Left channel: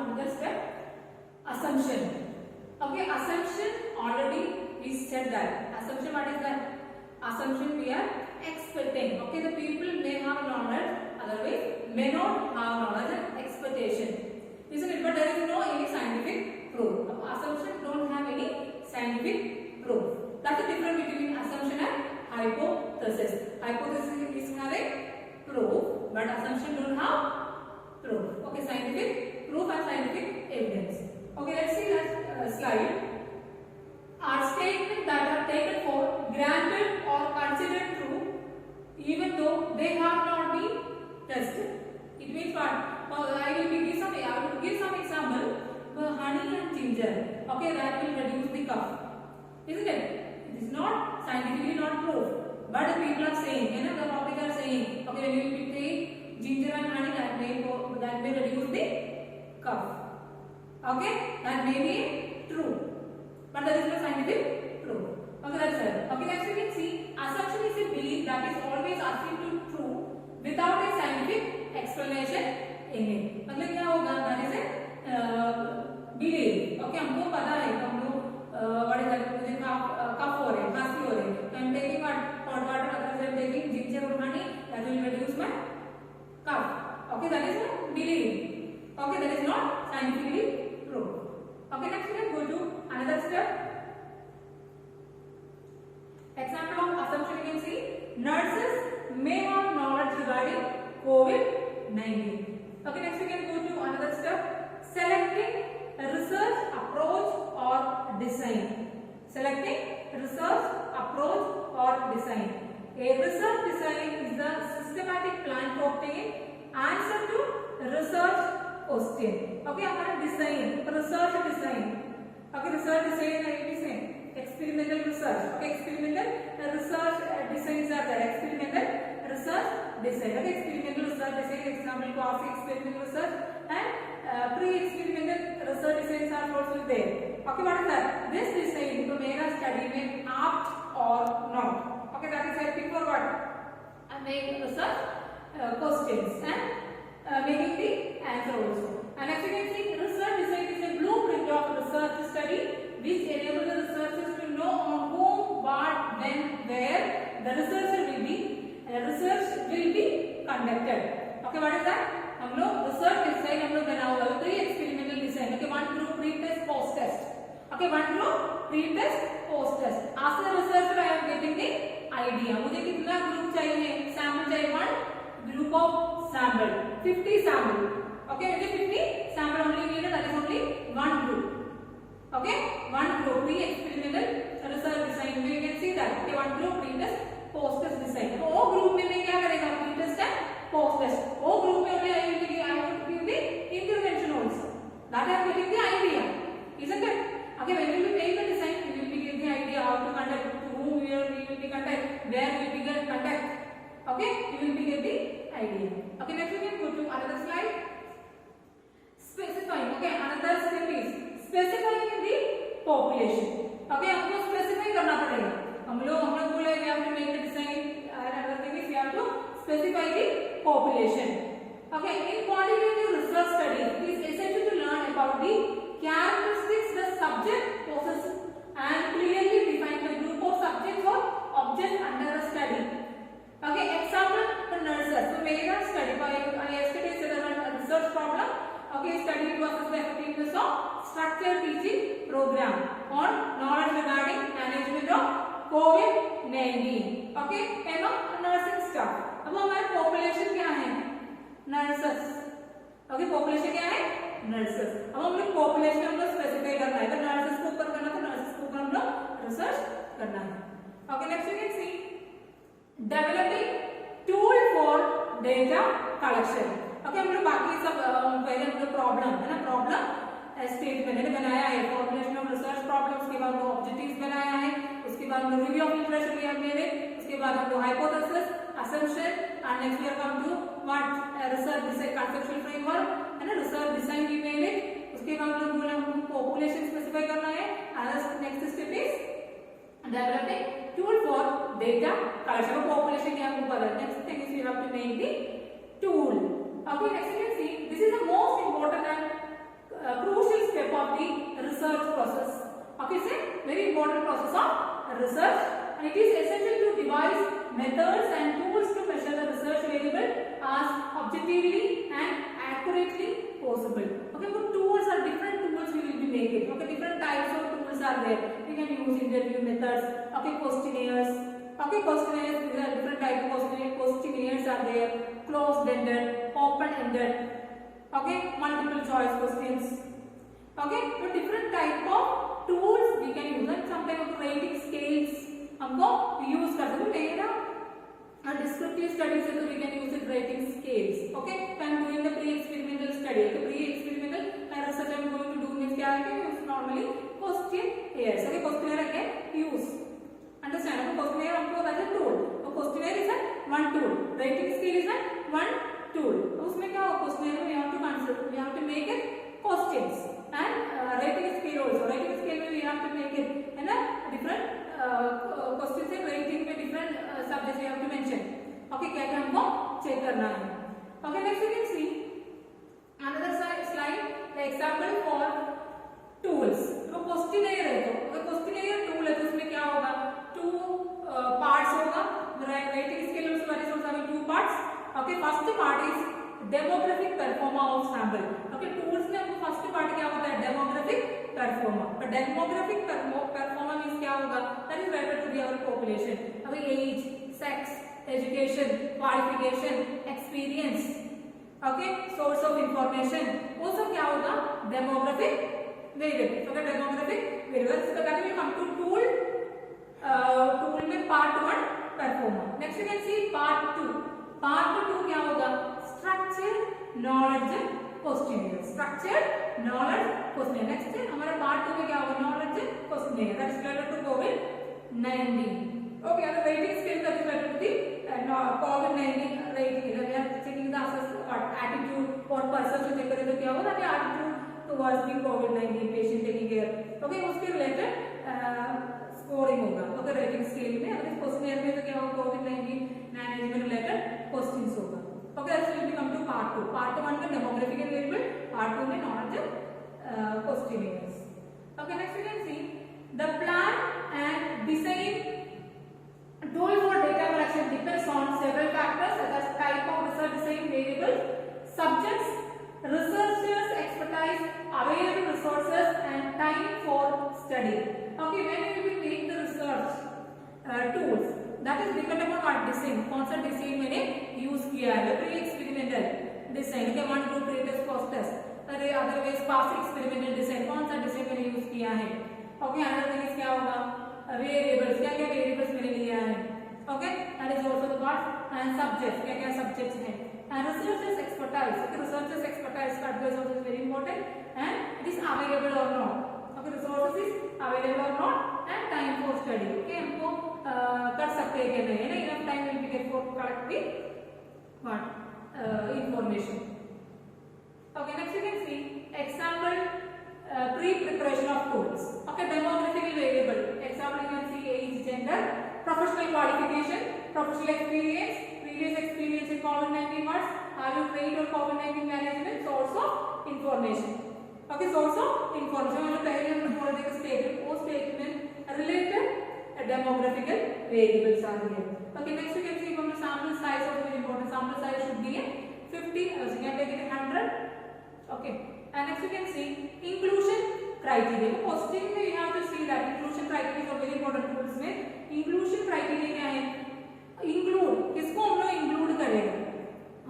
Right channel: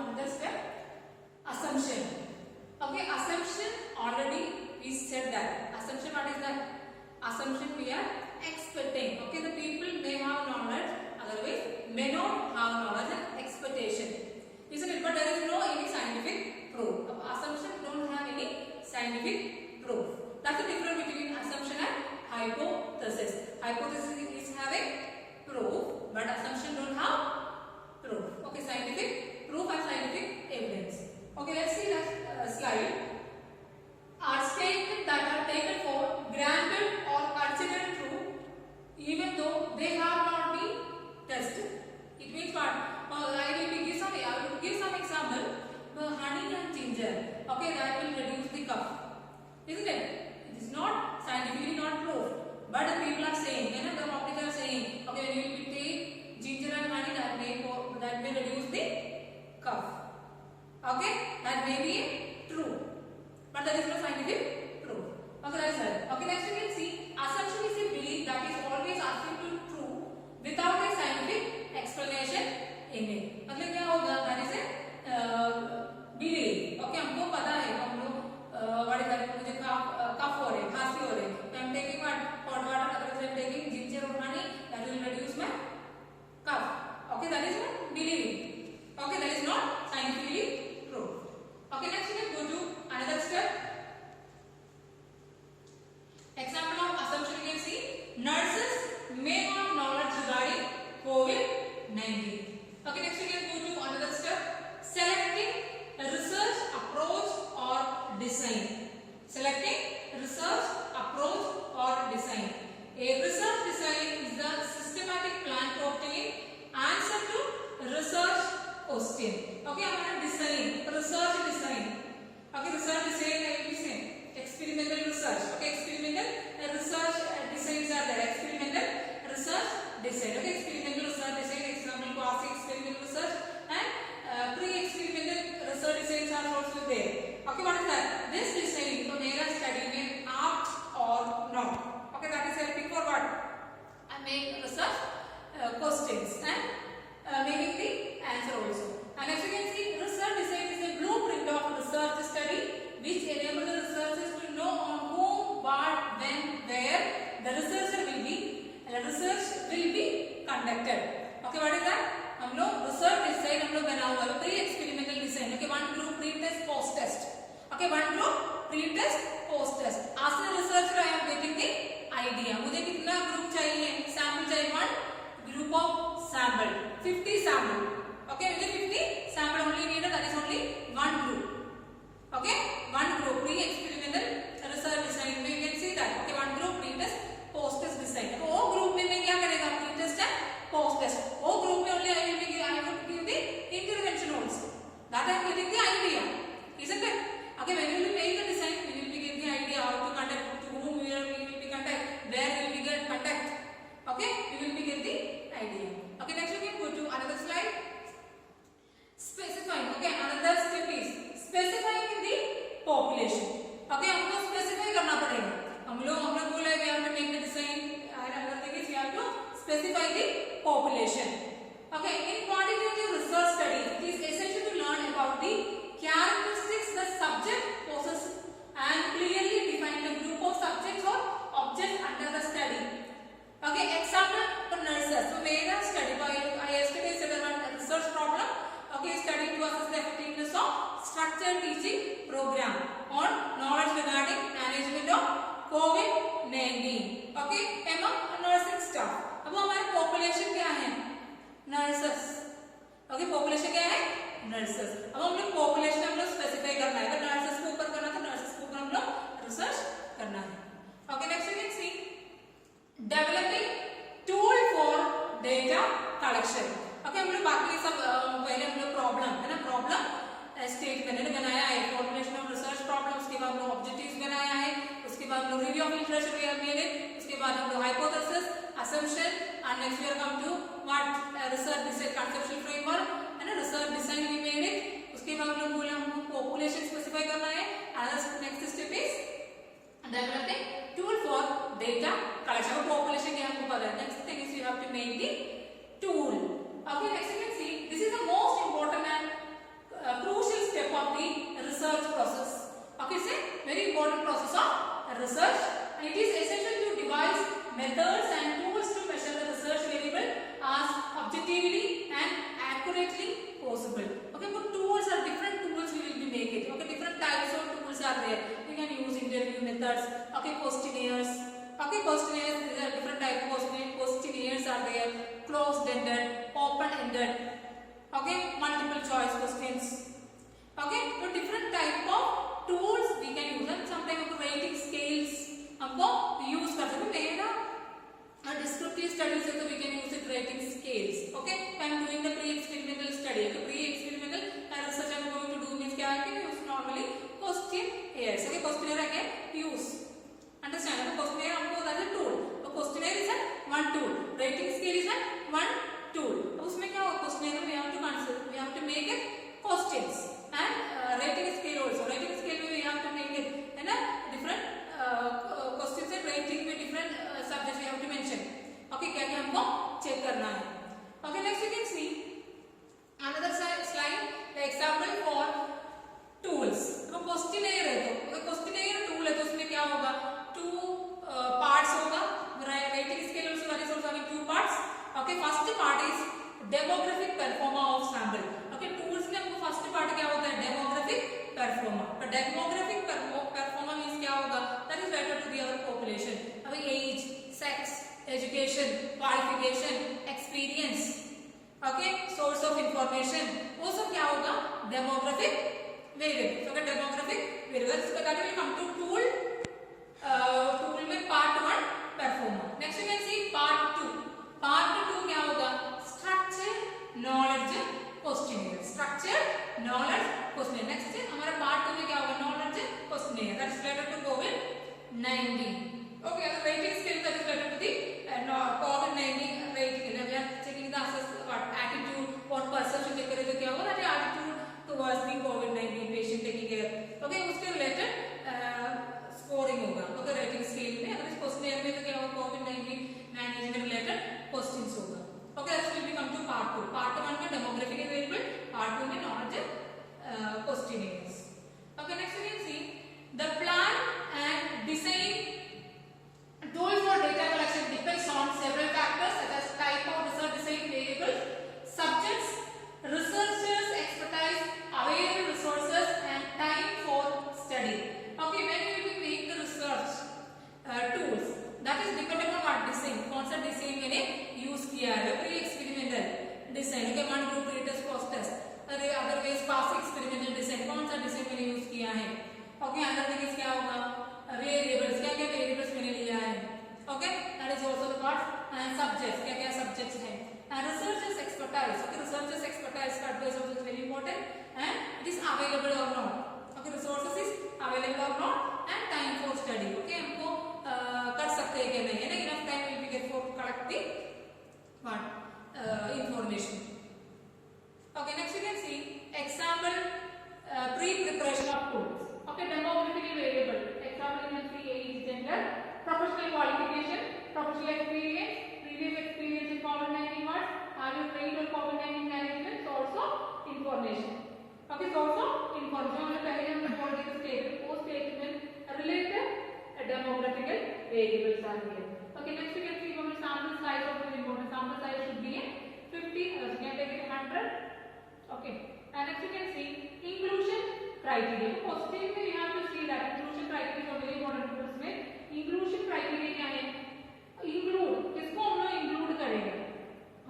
another step, assumption. Okay, assumption already we said that. Assumption, what is that? Assumption we are expecting. Okay, the people may have knowledge, otherwise may not have knowledge and expectation. Isn't it? But there is no any scientific proof. Assumption don't have any scientific proof. That's the difference between assumption and hypothesis. Hypothesis is having proof, but assumption don't have proof. Okay, scientific proof and scientific evidence. Okay, let's see that slide. Are statements that are taken for granted or considered true, even though they have not been tested. It means what? I will give some example. Honey and ginger. Okay, that will reduce the cough. Isn't it? It is not scientifically not proved, but the people are saying, the public are saying, okay, when you take ginger and honey, that may reduce the cough. Okay, that may be true, but there is no scientific proof. Okay, that's it. Okay, next we can see assumption is a belief that is always assumed to true without a scientific explanation in it. मतलब क्या होगा? That is a belief. Okay, हमको पता है हम लोग what is that? मुझे cough हो रहे हैं, खांसी हो रही है. I'm taking hot water, otherwise I'm taking ginger or honey. That will reduce my cough. Okay, that is my belief. Okay, that is not scientifically proved. Okay, next we can go to another step. Example of assumption you can see. Nurses may have knowledge regarding COVID-19. Okay, next we can go to another step. Selecting a research approach or design. Selecting research approach or design. A research design is the systematic plan to obtain answer to research question. Okay, हमारा design, research design. Okay, research design is same. Experimental research. Okay, experimental research designs are there. Experimental research design. Okay, experimental research design, example quasi experimental research and pre-experimental research designs are also there. Okay, what is that? This design to make a study may apt or not. Okay, that is helping for what? And make research questions and making the answer also. And as you can see, research design is a blueprint of research study which enable the researchers to know on whom, what, when, where the research will be conducted. Okay, what is that? हम लोग research design हम लोग बना हुआ है pre-experimental design. Okay, one group pre-test, post-test. Okay, one group pre-test, post-test. As a researcher, I am getting the idea. मुझे कितना group चाहिए? Sample चाहिए one group of sample, 50 sample. Okay, मुझे 50 sample only needed. That is only one group. Okay, one group pre-experimental research design. You can see that. Okay, one group pre-test, post-test design. वो group में मैं क्या करेगा? Pre-test and post-test. वो group में only I will give the intervention also. That I am getting the idea. Isn't it? Okay, when we will make the design, we will be getting the idea how to conduct, to whom we will be conduct, where we will be get conduct. Okay, we will be get the idea. Okay, next we can go to another slide. Specifying. Okay, another step is specifying the population. Okay, हमको specify करना पड़ेगा. हम लोग बोले we have to make the design. Another thing is we have to specify the population. Okay, in quantitative research study, it is essential to learn about the characteristics the subject possesses and clearly define the group of subjects or objects under the study. Okay, example for nurses. So, made a study by yesterday said about a research problem. Okay, study to assess the effectiveness of structured teaching program on knowledge regarding management of COVID-19. Okay, among nursing staff. अब हमारे population क्या है? Nurses. Okay, population क्या है? Nurses. अब हम लोग population हम लोग specify करना है. अगर nurses को ऊपर करना तो nurses को ऊपर हम लोग research करना है. Okay, next we can see developing tool for data collection. Okay, हम लोग बाकी सब पहले हम लोग problem है ना, problem statement मैंने बनाया है, formulation of research problem, उसके बाद हम लोग objectives बनाया है, उसके बाद हम लोग review of literature we have made it, उसके बाद हम लोग hypothesis, assumption, and next we are come to what research design conceptual framework and research design we made it. उसके बाद हम लोग बोले हमको population specify करना है. Another next step is developing tool for data collection. Population क्या हमको पता है. Next thing is you have to make the tool. Okay, next you can see this is the most important and process of research, and it is essential to devise methods and tools to measure the research variable as objectively and accurately possible. Okay, but tools are different tools we will be making. Okay, different types of tools are there. We can use interview methods. Okay, questionnaires. Okay, questionnaires, there are different types of questionnaires are there. Closed-ended, open-ended. Okay, multiple choice questions. Okay, so different type of tools we can use, and sometimes rating scales हमको use कर सकते हैं ना. Descriptive studies so we can use it rating scales. Okay, I am doing the pre-experimental study. Okay, pre-experimental research I am going to do means क्या है कि use normally questionnaires. Okay, questionnaire again use. Understand? So questionnaire हमको that is a tool. So questionnaire is a one tool. Rating scale is a one tool. तो उसमें क्या होगा? Questionnaire में we have to consider, we have to make it questions, and rating scale also. Rating scale में we have to make it है ना different questions and rating में different subjects we have to mention. Okay, क्या क्या हमको check करना है. Okay, next you can see another slide, the example for tools. तो questionnaire है, तो questionnaire tool है, तो उसमें क्या होगा? Two parts होगा. Rating scale also that is also having two parts. Okay, first part is demographic performer of sample. Okay, tools में हमको first part क्या होता है? Demographic performer. तो demographic performer means क्या होगा? That is related to the our population. अभी age, sex, education, qualification, experience, okay, source of information, वो सब क्या होगा? Demographic variable. So demographic variable. So that will come to tool. Tool में part 1 performer. Next you can see part 2. Part 2 क्या होगा? Structured knowledge questionnaire. Structured knowledge questionnaire. Next हमारा part 2 में क्या होगा? Knowledge questionnaire. That is related to COVID-19. Okay, the rating scale that is related to the COVID-19 rating. We are checking the attitude or perception check करें तो क्या होगा? That attitude towards the COVID-19 patient taking care. Okay, उसके related scoring होगा. Okay, rating scale में अगर इस questionnaire में तो क्या होगा? COVID-19 management related questions होगा. Okay, that will become to part 2. Part 1 में demographic variable, part 2 में knowledge questionnaires. Okay, next you can see the plan and design tool for data collection depends on several factors such as type of research design variables, subjects, researchers' expertise, available resources, and time for study. Okay, when we will make the research tools, that is dependent on what design. कौन सा design मैंने use किया है? Pre-experimental design. Okay, one to pre-test, post-test. Otherwise past experimental design. कौन सा design मैंने use किया है? Okay, another thing is क्या होगा? Variables. क्या क्या variables मैंने लिया है? Okay, that is also the part. And subjects. क्या क्या subjects हैं? And researchers' expertise. Okay, researchers' expertise का advice also is very important. And it is available or not. Okay, resources is available or not. And time for study. Okay, हमको कर सकते हैं क्या नहीं है ना? Enough time will be get for collect the what information. Okay, next you can see example pre-preparation of tools. Okay, demographic variable. Example you can see age, gender, professional qualification, professional experience, previous experience in COVID-19 words, have you trained on COVID-19 management, source of information. Okay, source of information. हमने पहले हमने political statement, वो statement related demographical variables are here. Okay, next you can see from the sample size also very important. Sample size should be 50. You can take it 100. Okay, and next you can see inclusion criteria. तो positive में you have to see that inclusion criteria is very important tools में. Inclusion criteria क्या है? Include किसको हम लोग include करेगा?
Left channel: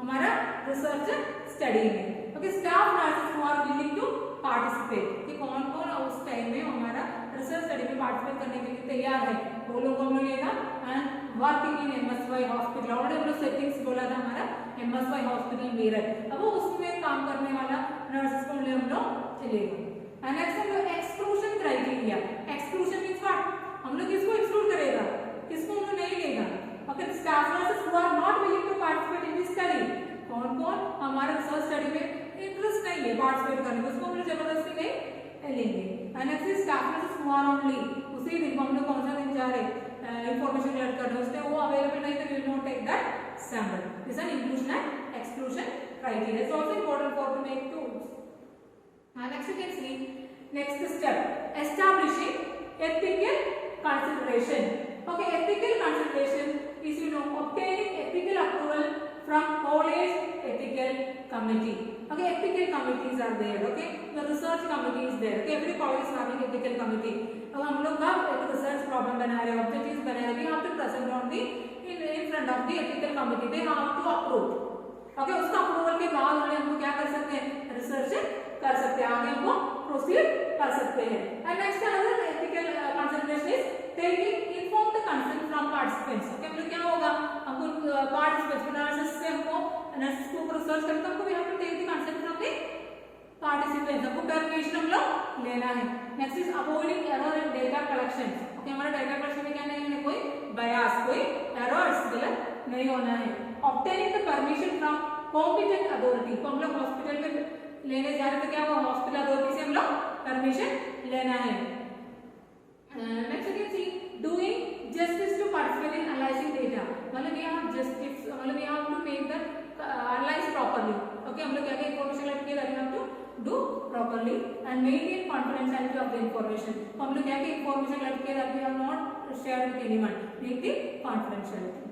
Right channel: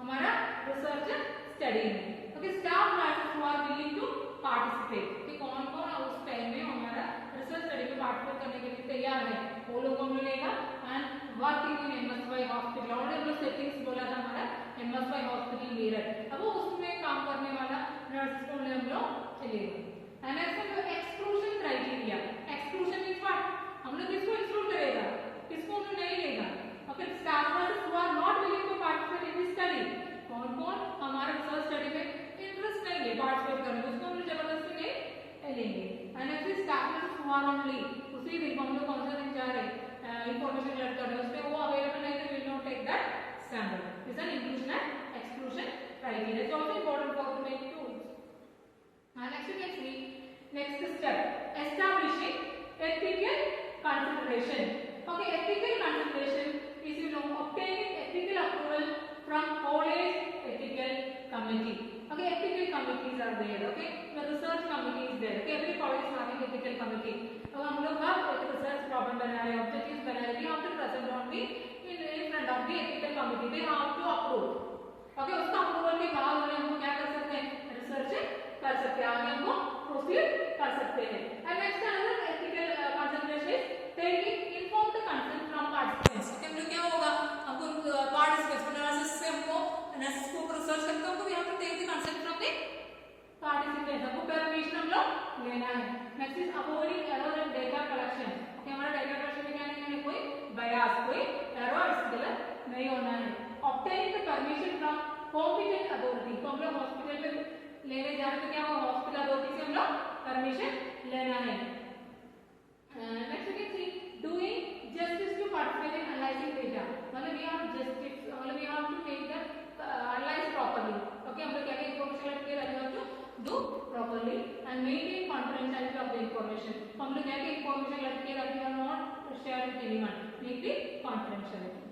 हमारा research study में. Okay, staff nurses who are willing to participate. कि कौन कौन उस टाइम में हमारा रिसर्च स्टडी में पार्टिसिपेट करने के लिए तैयार है, वो लोगों को मिलेगा. And working in MSY hospital. Already हम लोग सेटिंग्स बोला था हमारा एमएसवाई हॉस्पिटल मेरठ. अब वो उसमें काम करने वाला नर्सेस को हम लोग चलेगा. एंड नेक्स्ट हम लोग exclusion criteria. Exclusion means what? हम लोग किसको एक्सक्लूड करेगा, किसको हम लोग नहीं लेगा. Okay, staff nurses who are not willing to participate in this study. कौन कौन हमारे रिसर्च स्टडी में इंटरेस्ट नहीं है पार्टिसिपेट करने में, उसको हम लोग जबरदस्ती नहीं लेंगे. And next staff nurses who are only उसी दिन हम लोग कौन सा दिन जा रहे इंफॉर्मेशन कलेक्ट करने, उसमें वो अवेलेबल नहीं तो we will not take that sample. This an inclusion and exclusion criteria is also important for to make tools. And next you can see next step establishing ethical consideration. Okay, ethical consideration is obtaining ethical approval from college ethical committee. Okay, ethical committees are there. Okay, the research committee is there. Okay, every college is having ethical committee. अब हम लोग का एक research problem बना रहे हैं, objectives बना रहे हैं, we have to present on the in front of the ethical committee. They have to approve. Okay, उसका approval के बाद उन्हें हमको क्या कर सकते हैं, research कर सकते हैं, आगे हमको proceed कर सकते हैं. And next another ethical consideration is taking informed consent from participants. Okay, मतलब क्या होगा, हमको participants analysis से हमको analysis को research करके हमको we have to take the consent from the participants. हमको permission हम लोग लेना है. Next is avoiding error in data collection. Okay, हमारा data collection में क्या नहीं होना, कोई bias, कोई errors गलत नहीं होना है. Obtaining the permission from competent authority. तो हम लोग hospital में लेने जा रहे थे, क्या हुआ, hospital authority से हम लोग permission लेना है. Next you can see doing justice to participate in analyzing data. मतलब we have justice, मतलब we have to make the analyze properly. Okay, हम लोग क्या क्या information लेके that we have to do properly and maintain confidentiality of the information. तो हम लोग क्या क्या information लेके that we have not shared with anyone. Make the confidentiality.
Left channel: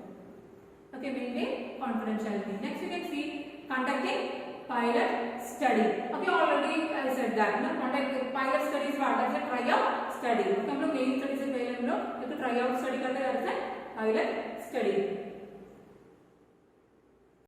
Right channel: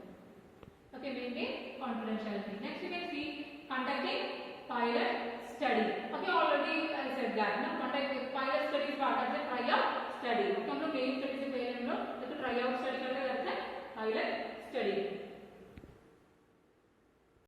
Okay, maintain confidentiality. Next you can see conducting pilot study. Okay, already I said that. ना conduct pilot study is what? As a tryout study. Okay, हम लोग main study से पहले हम लोग एक tryout study करते हैं, that is a pilot study.